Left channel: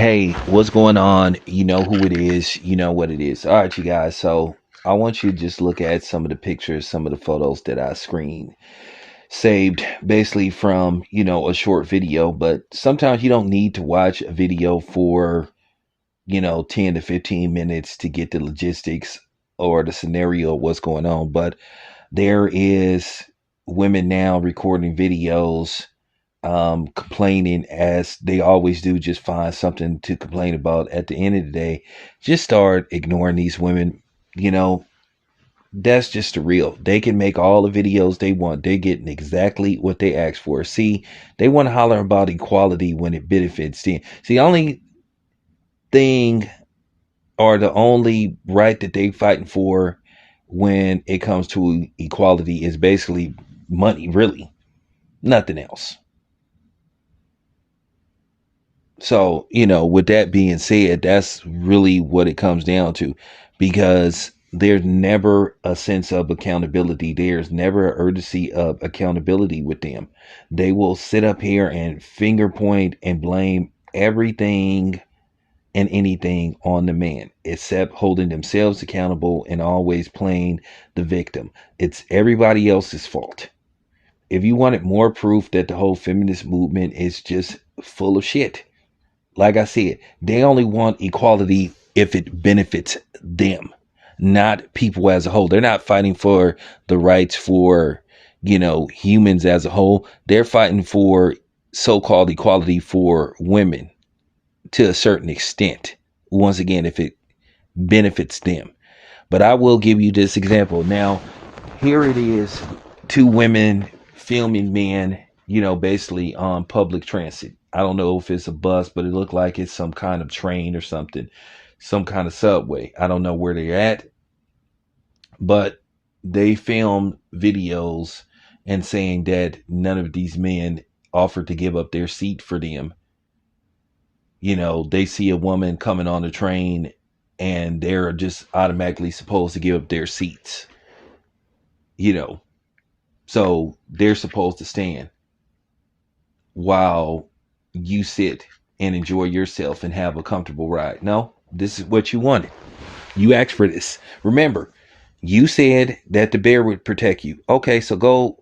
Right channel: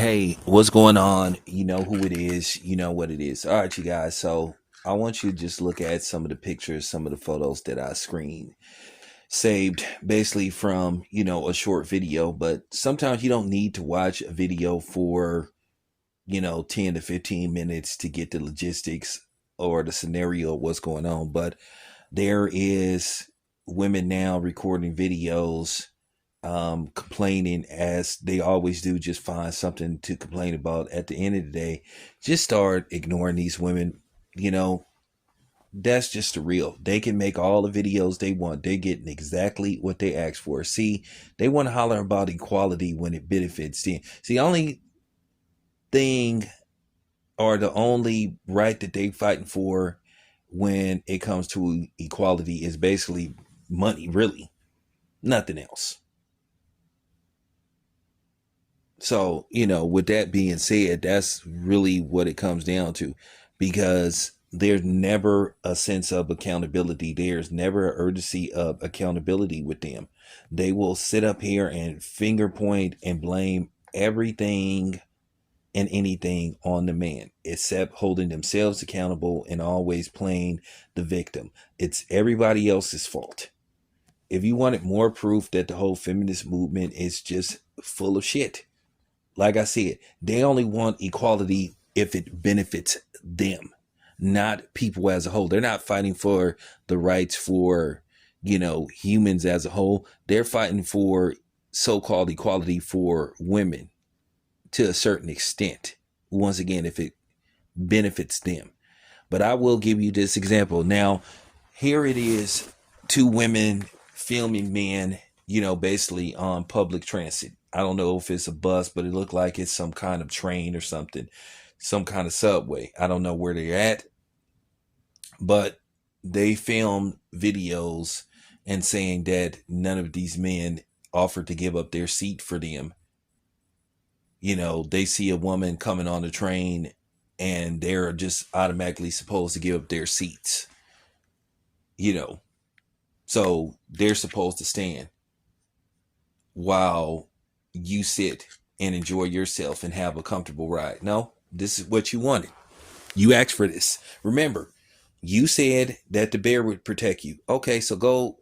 Hey, what's going on? You know who it is. You know what it is. All right, you guys. So I want you to just look at some of the pictures, some of the photos that I screened, saved basically from, a short video. But sometimes you don't need to watch a video for, 10 to 15 minutes to get the logistics or the scenario of what's going on. But there is women now recording videos complaining as they always do. Just find something to complain about. At the end of the day, just start ignoring these women. you know that's just the real. They can make all the videos they want. They're getting exactly what they asked for. See, they want to holler about equality when it benefits them. See, the only thing or the only right that they fighting for when it comes to equality is basically money, really, nothing else. So, with that being said, that's really what it comes down to, because there's never a sense of accountability. There's never an urgency of accountability with them. They will sit up here and finger point and blame everything and anything on the man, except holding themselves accountable and always playing the victim. It's everybody else's fault. If you wanted more proof that the whole feminist movement is just full of shit, like I said, they only want equality if it benefits them, not people as a whole. They're not fighting for the rights for, humans as a whole. They're fighting for so-called equality for women to a certain extent. Once again, if it benefits them. But I will give you this example. Now, here it is, two women filming men, basically on public transit. I don't know if it's a bus, but it looked like it's some kind of train or something, some kind of subway. I don't know where they're at, but they filmed videos and saying that none of these men offered to give up their seat for them. They see a woman coming on the train and they're just automatically supposed to give up their seats, so they're supposed to stand while you sit and enjoy yourself and have a comfortable ride. No, this is what you wanted. You asked for this. Remember, you said that the bear would protect you. Okay, so go,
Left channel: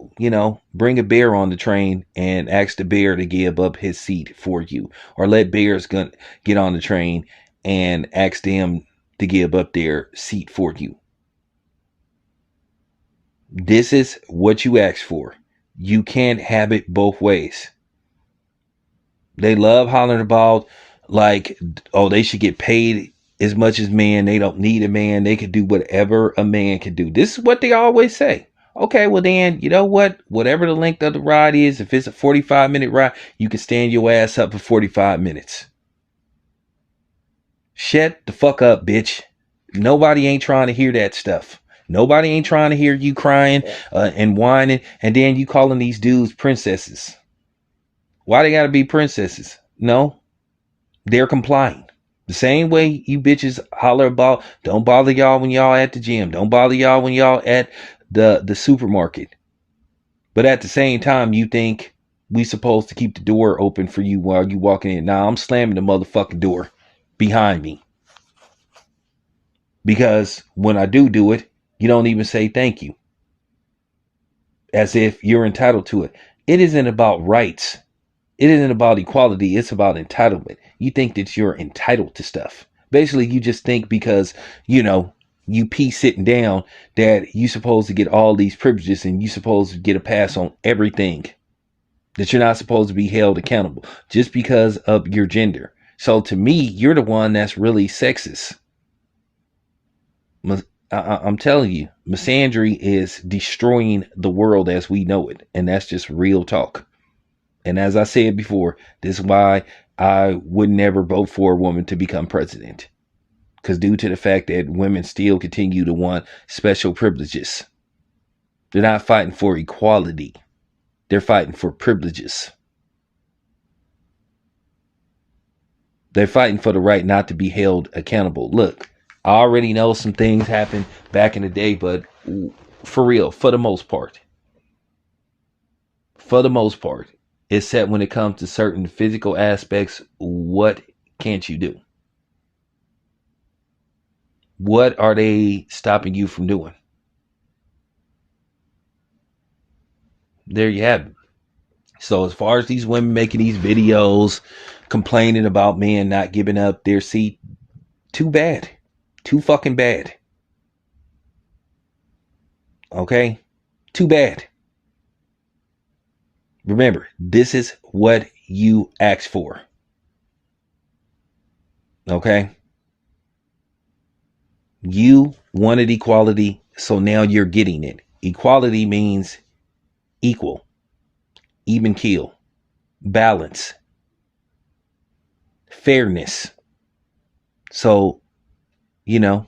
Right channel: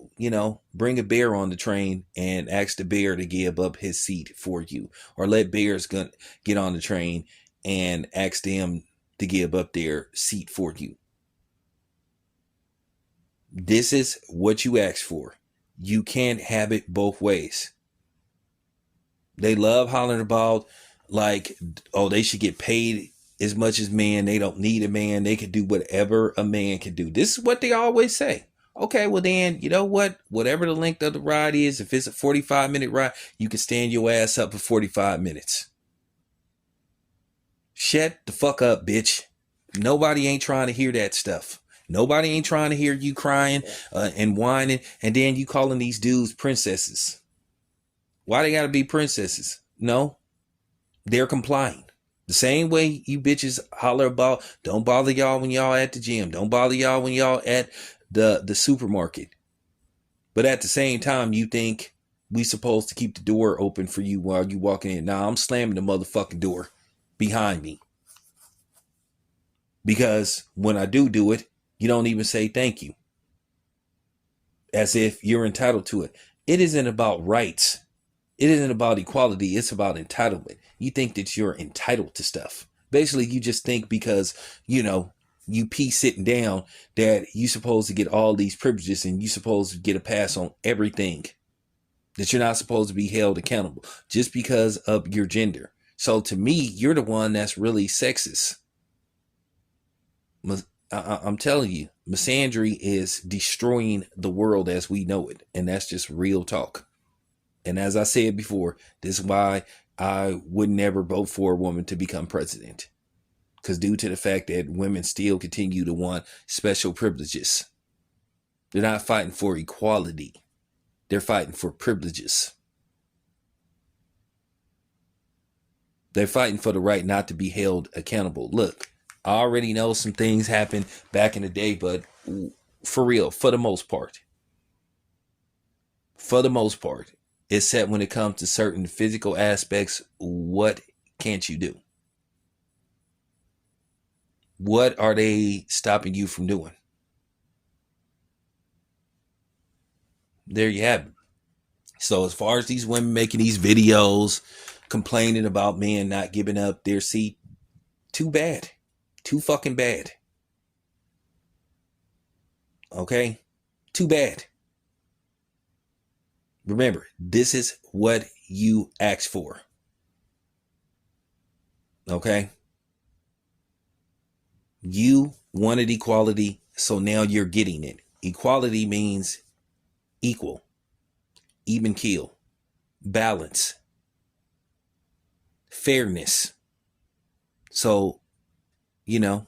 bring a bear on the train and ask the bear to give up his seat for you. Or let bears get on the train and ask them to give up their seat for you. This is what you asked for. You can't have it both ways. They love hollering about, like, oh, they should get paid as much as man. They don't need a man. They could do whatever a man can do. This is what they always say. Okay, well then, you know what? Whatever the length of the ride is, if it's a 45-minute ride, you can stand your ass up for 45 minutes. Shut the fuck up, bitch. Nobody ain't trying to hear that stuff. Nobody ain't trying to hear you crying and whining, and then you calling these dudes princesses. Why they gotta be princesses? No, they're complying. The same way you bitches holler about, don't bother y'all when y'all at the gym. Don't bother y'all when y'all at the supermarket. But at the same time, you think we supposed to keep the door open for you while you walking in. Now I'm slamming the motherfucking door behind me. Because when I do it, you don't even say thank you. As if you're entitled to it. It isn't about rights. It isn't about equality. It's about entitlement. You think that you're entitled to stuff. Basically, you just think because, you pee sitting down that you supposed to get all these privileges and you supposed to get a pass on everything. That you're not supposed to be held accountable just because of your gender. So to me, you're the one that's really sexist. I'm telling you, misandry is destroying the world as we know it. And that's just real talk. And as I said before, this is why I would never vote for a woman to become president. Because due to the fact that women still continue to want special privileges. They're not fighting for equality. They're fighting for privileges. They're fighting for the right not to be held accountable. Look, I already know some things happened back in the day, but for real, for the most part, except when it comes to certain physical aspects, what can't you do? What are they stopping you from doing? There you have it. So as far as these women making these videos complaining about men not giving up their seat, too bad. Too fucking bad. Okay? Too bad. Remember, this is what you asked for. Okay? You wanted equality, so now you're getting it. Equality means equal, even keel, balance, fairness. So, you know,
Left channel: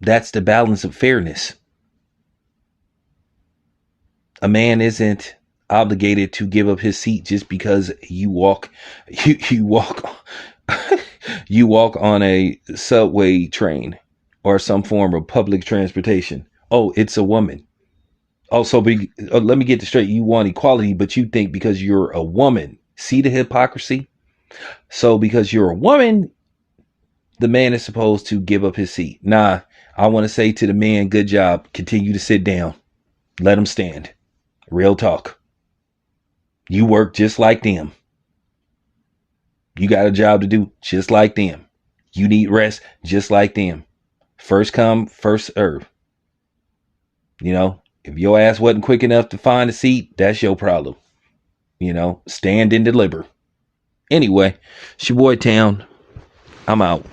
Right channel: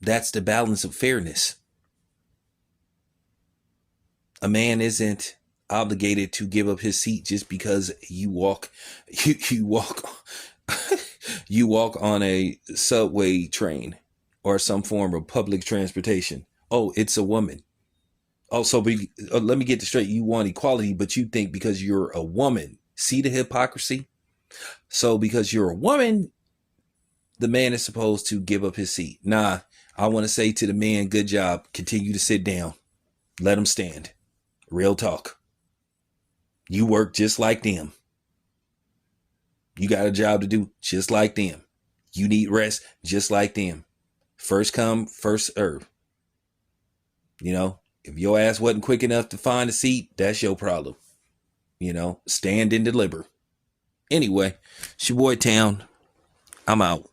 that's the balance of fairness. A man isn't obligated to give up his seat just because you walk you walk on a subway train or some form of public transportation. Oh, it's a woman. Also, let me get this straight. You want equality, but you think because you're a woman. See the hypocrisy? So because you're a woman, the man is supposed to give up his seat. Nah, I want to say to the man, good job. Continue to sit down. Let him stand. Real talk. You work just like them. You got a job to do just like them. You need rest just like them. First come, first serve. You know, if your ass wasn't quick enough to find a seat, that's your problem. You know, stand and deliver. Anyway, it's your boy Town. I'm out.